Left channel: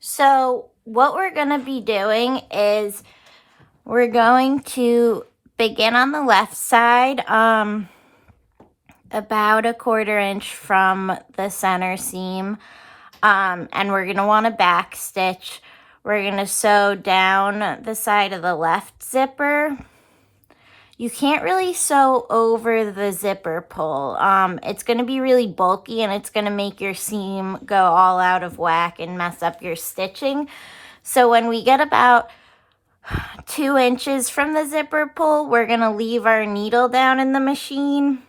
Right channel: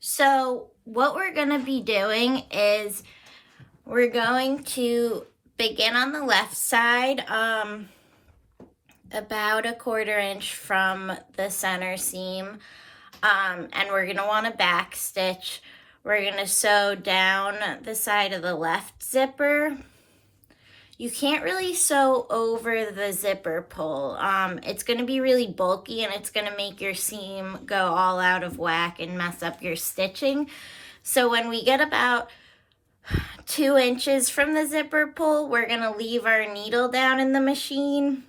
So what we're going to be doing is we're going to begin on the left side, about a 1/4 inch from the center seam, and we're going to want to back stitch. We're going to sew down the side of the left zipper. You can't really sew over the zipper pull. It's going to be really bulky and it's going to make your seam go all out of whack and mess up your stitching. So when we get about 2 inches from the zipper pull, we're going to leave our needle down in the machine,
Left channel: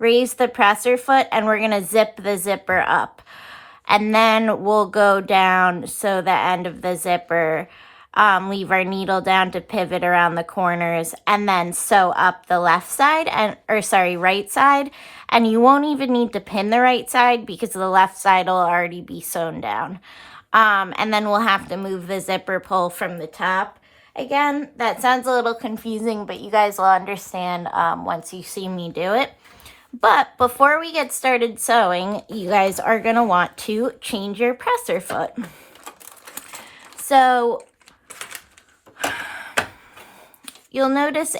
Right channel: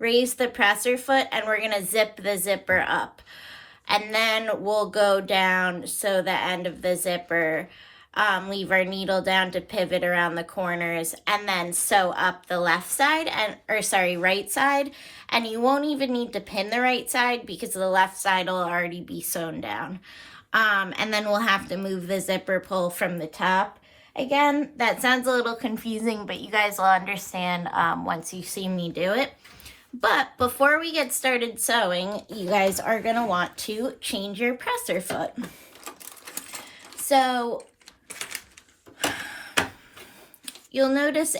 raise the presser foot, and we're going to zip the zipper up. And then we'll go down, sew the end of the zipper, leave our needle down to pivot around the corners, and then sew up the left side right side. And you won't even need to pin the right side because the left side will already be sewn down. And then we'll have to move the zipper pull from the top. Again, that sounds a little confusing, but you guys will understand once you see me do it. But before we get started sewing, you guys are going to want to change your presser foot. So you'll notice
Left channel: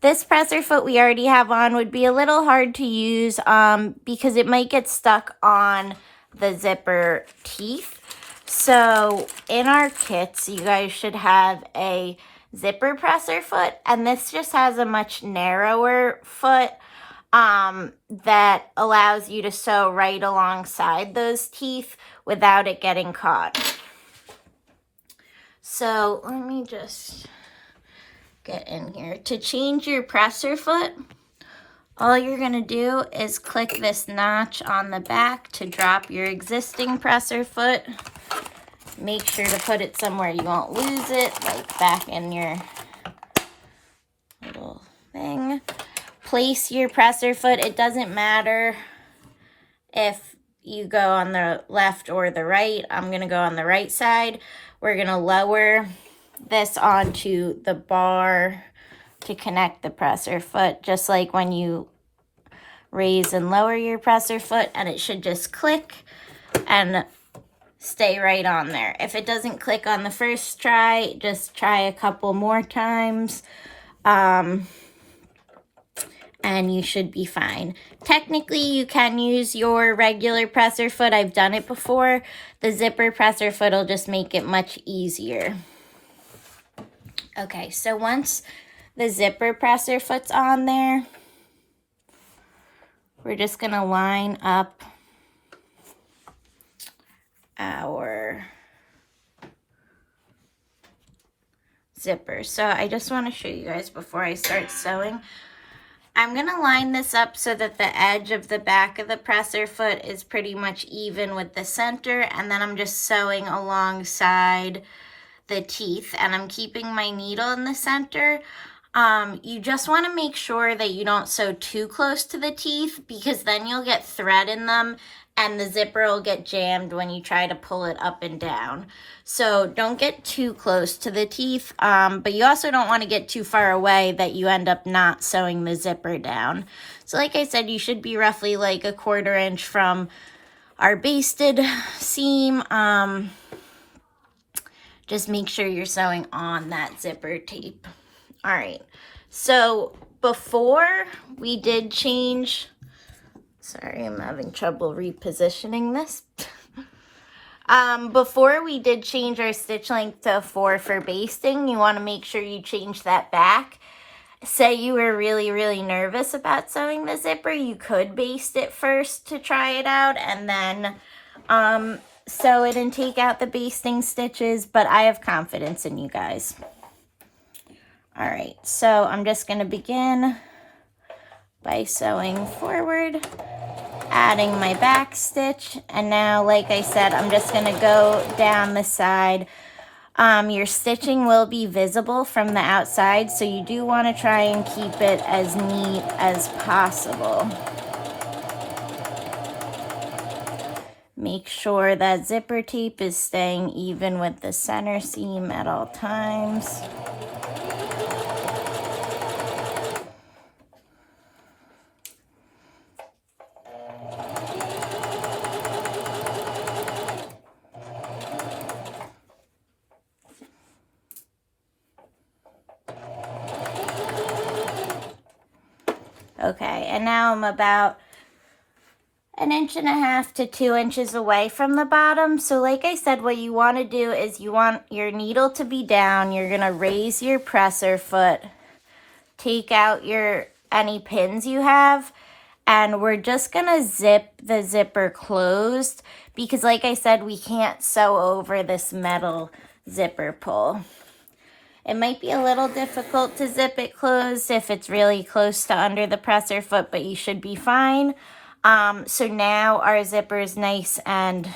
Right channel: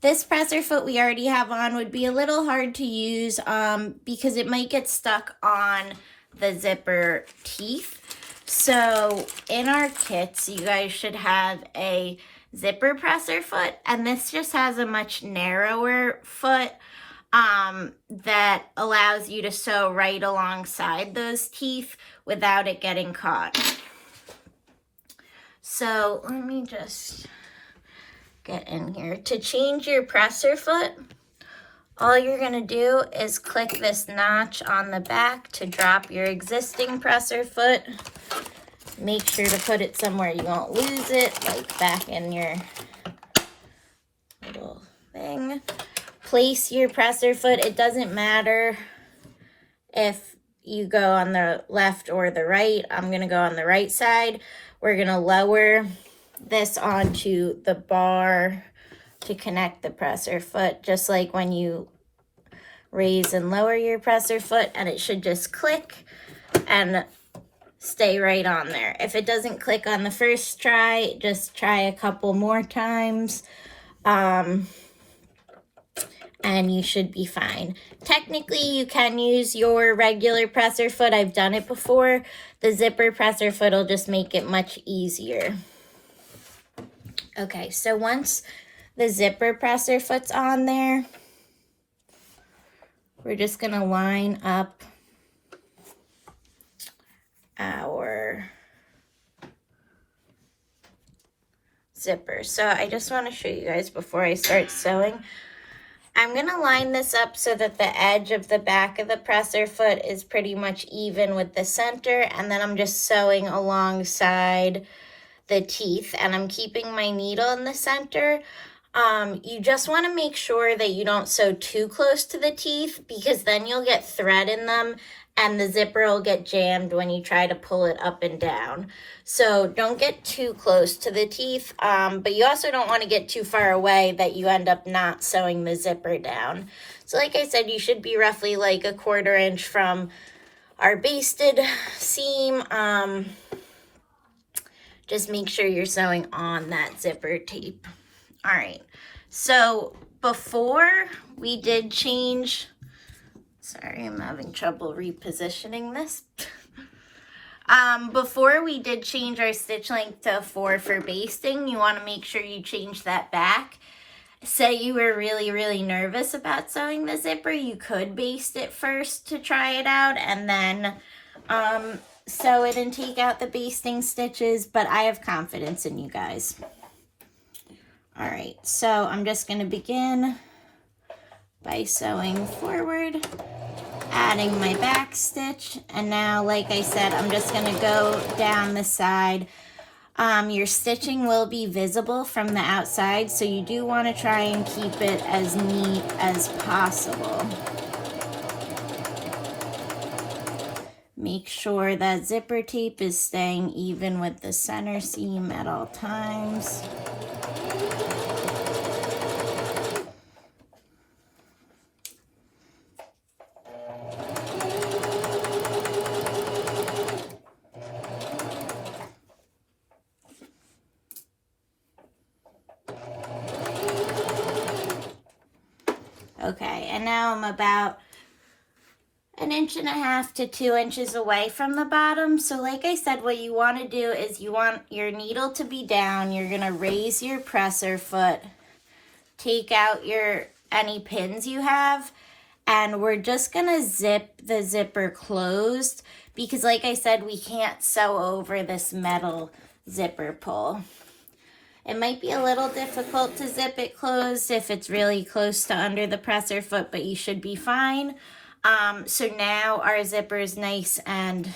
this presser foot we already have on would be a little hard to use because it might get stuck on the zipper teeth. So in our kits, you guys should have a zipper presser foot, and this just has a much narrower foot that allows you to sew right alongside those teeth without it getting caught. So let me just get in here. To change your presser foot, all you're going to do is click this notch on the back to drop your existing presser foot. Make sure to put it somewhere you won't lose it, like back in your little thing. Place your presser foot. It doesn't matter if you go on the left or the right. I'm going to go on the right side. We're going to lower this onto the bar to connect the presser foot, just like when you raise and lower your presser foot, and it should just click and stay right on there. If it doesn't click on the first try, just try a couple more times. And you should be fine. Technically, you can use your regular presser foot. I've done it before. The zipper presser foot will just make it much easier. Okay, so once the zipper presser foot's on there, we're just going to line up our zipper. So I just want to show you guys before I start sewing. I'm going to line this up so that the edge of the back of the presser foot is pretty much even with the center, and then I'm just sewing alongside the teeth, and I'm keeping my needle in the center. You just want to make sure that you don't sew too close to the teeth, because then you'll get thread in them and the zipper will get jammed when you try to pull it up and down. So don't get too close to the teeth, but you also don't want to get too far away that you end up not sewing the zipper down. So like I said, you should be roughly like a 1/4 inch from our basted seam. Just make sure you're sewing on that zipper tape. All right, so before we did change, sorry, I'm having trouble repositioning this. Before we did change our stitch length to 4 for basting, you want to make sure you change that back. Say you were really, really nervous about sewing the zipper, you could baste it first to try it out, and then sew it and take out the basting stitches, but I have confidence in you guys. All right, so I'm just going to begin by sewing forward, adding my back stitch, and now, like I said, I'm just going to go down the side. Your stitching will be visible from the outside, so you do want to try and keep it as neat as possible. Make sure that zipper tape is staying even with the center seam at all times. Okay, and now I'm about 1.5 to 2 inches away from the bottom. So like I said, what you want to do is you want your needle to be down. You're going to raise your presser foot, take out any pins you have, and we're just going to zip the zipper closed because like I said, we can't sew over this metal zipper pull. It might be a little difficult to zip it closed if it's really close to under the presser foot, but you should be fine. So now our zipper is nice and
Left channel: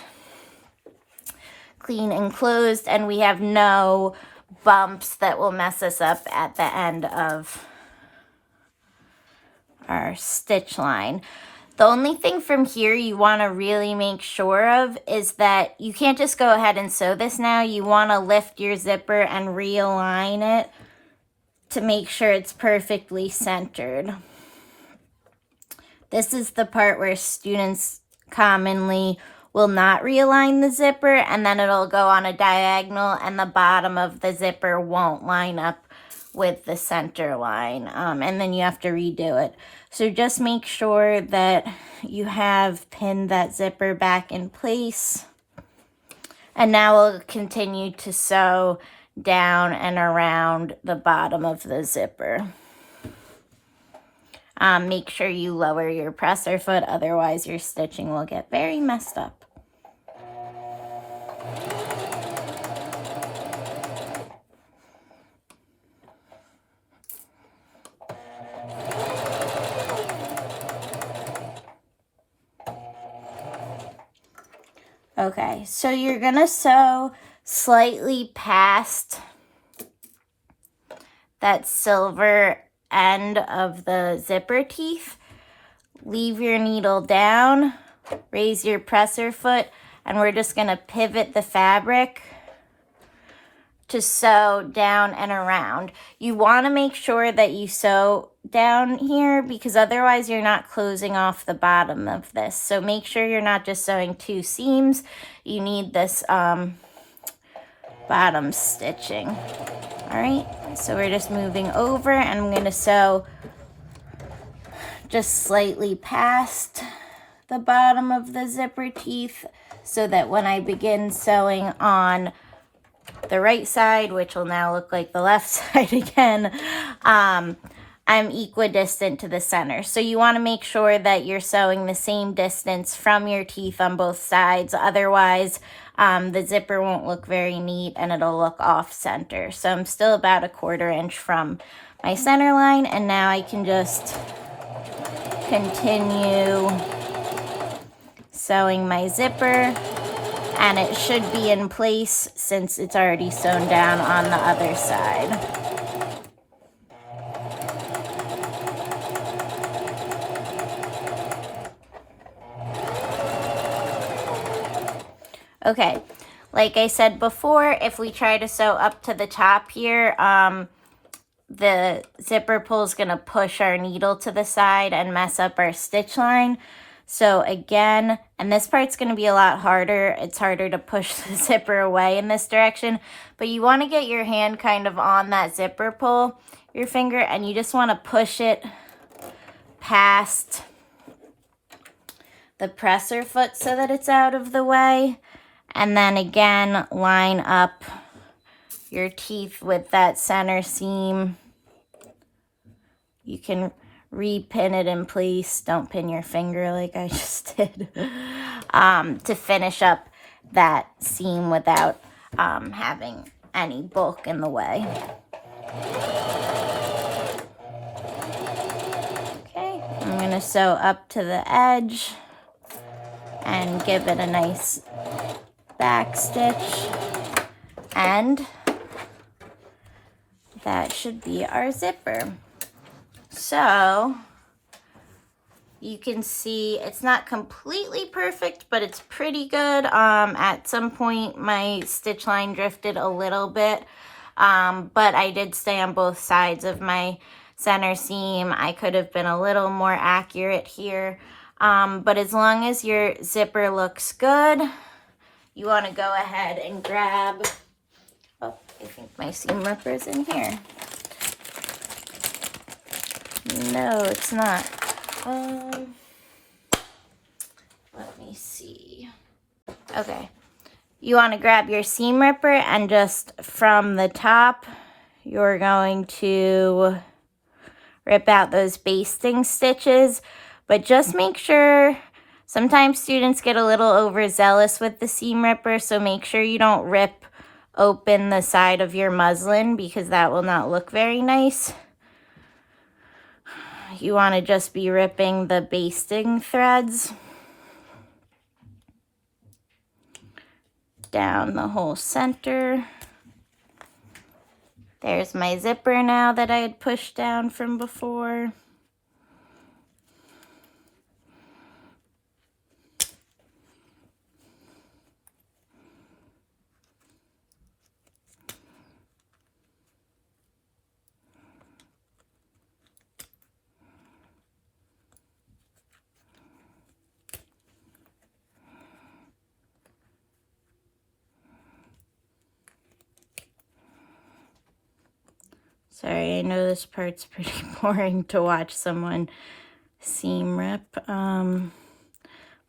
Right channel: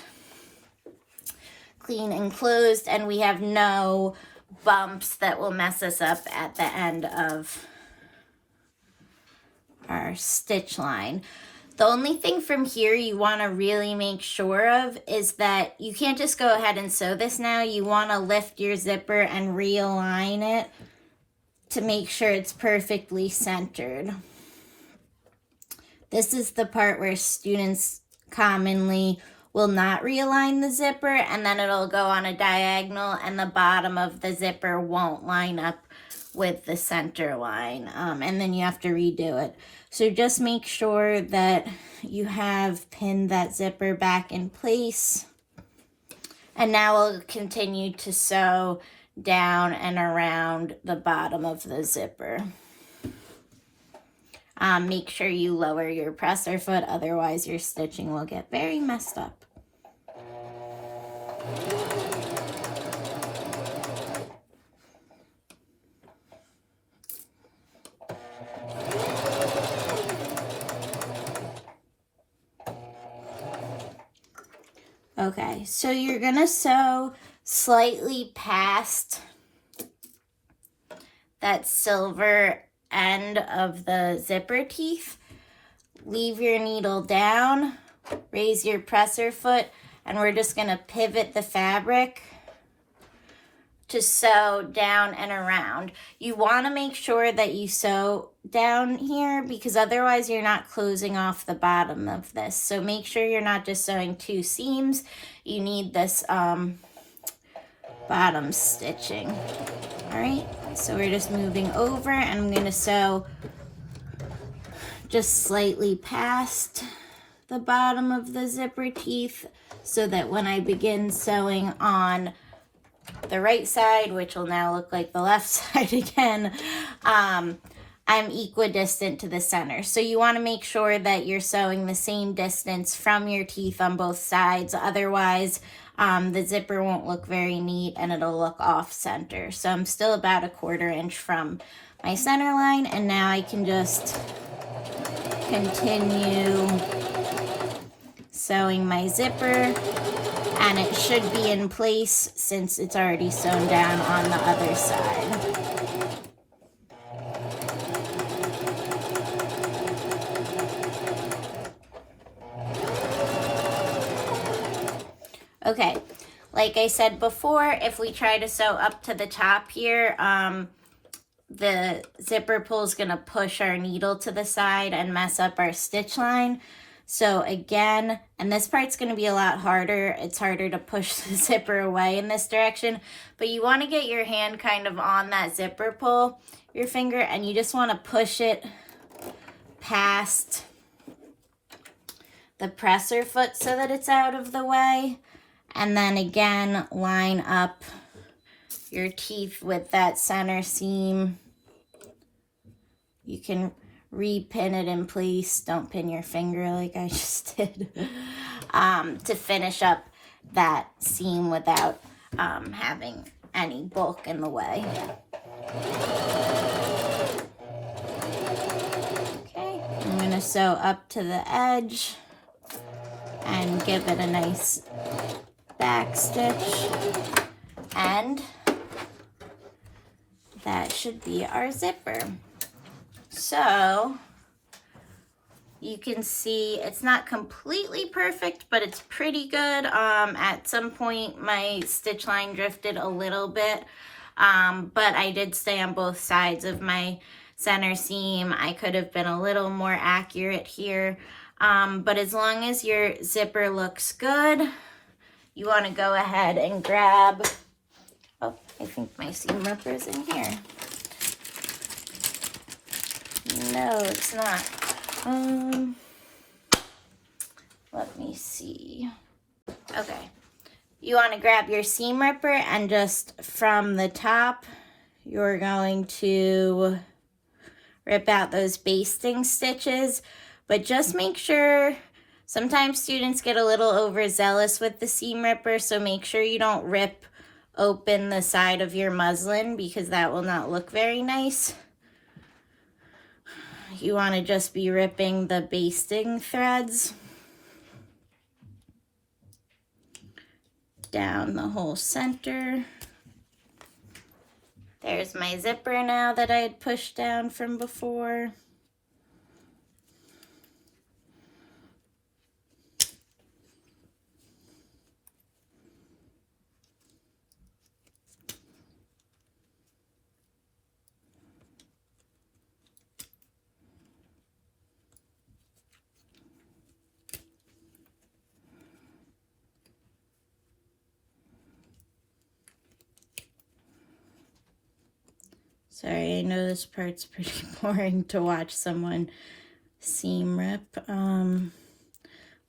clean and closed, and we have no bumps that will mess us up at the end of our stitch line. The only thing from here you want to really make sure of is that you can't just go ahead and sew this now. You want to lift your zipper and realign it to make sure it's perfectly centered. This is the part where students commonly will not realign the zipper, and then it'll go on a diagonal and the bottom of the zipper won't line up with the center line, and then you have to redo it. So just make sure that you have pinned that zipper back in place. And now we'll continue to sew down and around the bottom of the zipper. Make sure you lower your presser foot, otherwise your stitching will get very messed up. Okay, so you're gonna sew slightly past that silver end of the zipper teeth. Leave your needle down, raise your presser foot, and we're just gonna pivot the fabric to sew down and around. You want to make sure that you sew down here because otherwise you're not closing off the bottom of this. So make sure you're not just sewing 2 seams. You need this bottom stitching. All right, so we're just moving over and I'm going to sew just slightly past the bottom of the zipper teeth so that when I begin sewing on the right side, which will now look like the left side again, I'm equidistant to the center. So you want to make sure that you're sewing the same distance from your teeth on both sides. Otherwise, the zipper won't look very neat and it'll look off center. So I'm still about 1/4 inch from my center line, and now I can just continue sewing my zipper. And it should be in place since it's already sewn down on the other side. Okay, like I said before, if we try to sew up to the top here, the zipper pull is going to push our needle to the side and mess up our stitch line. So again, and this part's going to be a lot harder. It's harder to push the zipper away in this direction, but you want to get your hand kind of on that zipper pull, your finger, and you just want to push it past the presser foot so that it's out of the way. And then again, line up your teeth with that center seam. You can repin it in place. Don't pin your finger like I just did. To finish up that seam without having any bulk in the way. Okay, I'm going to sew up to the edge and give it a nice back stitch, and that should be our zipper. So you can see it's not completely perfect, but it's pretty good. At some point my stitch line drifted a little bit, but I did stay on both sides of my center seam. I could have been a little more accurate here, but as long as your zipper looks good, you want to go ahead and grab, oh, I think my seam ripper's in here. No, it's not. Let me see. Okay. You want to grab your seam ripper and just from the top, you're going to rip out those basting stitches, but just make sure, sometimes students get a little overzealous with the seam ripper, so make sure you don't rip open the side of your muslin because that will not look very nice. You want to just be ripping the basting threads down the whole center. There's my zipper now that I had pushed down from before. Sorry, I know this part's pretty boring to watch someone seam rip, but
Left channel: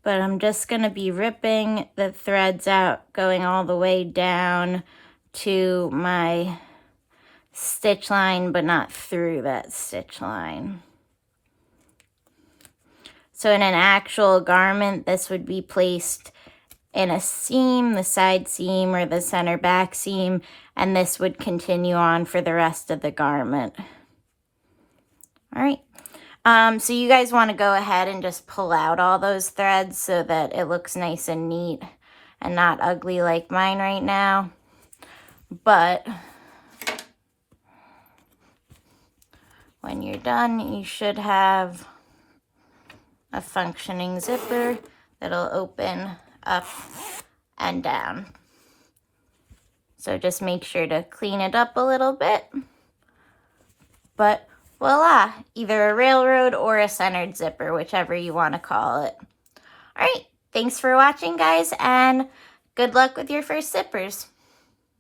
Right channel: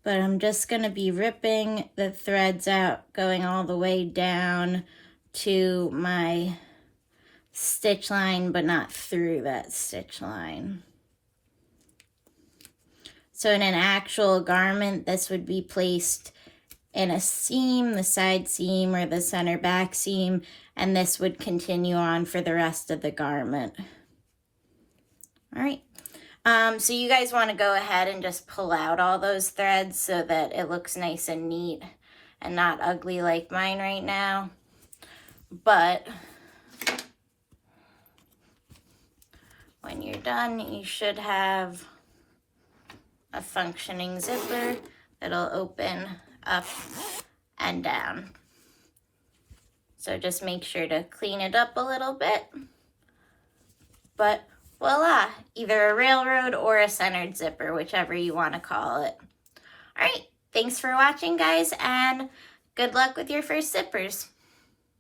I'm just going to be ripping the threads out, going all the way down to my stitch line, but not through that stitch line. So in an actual garment, this would be placed in a seam, the side seam or the center back seam, and this would continue on for the rest of the garment. All right. So you guys want to go ahead and just pull out all those threads so that it looks nice and neat and not ugly like mine right now. But when you're done, you should have a functioning zipper that'll open up and down. So just make sure to clean it up a little bit. But voila, either a railroad or a centered zipper, whichever you want to call it. All right, thanks for watching, guys, and good luck with your first zippers.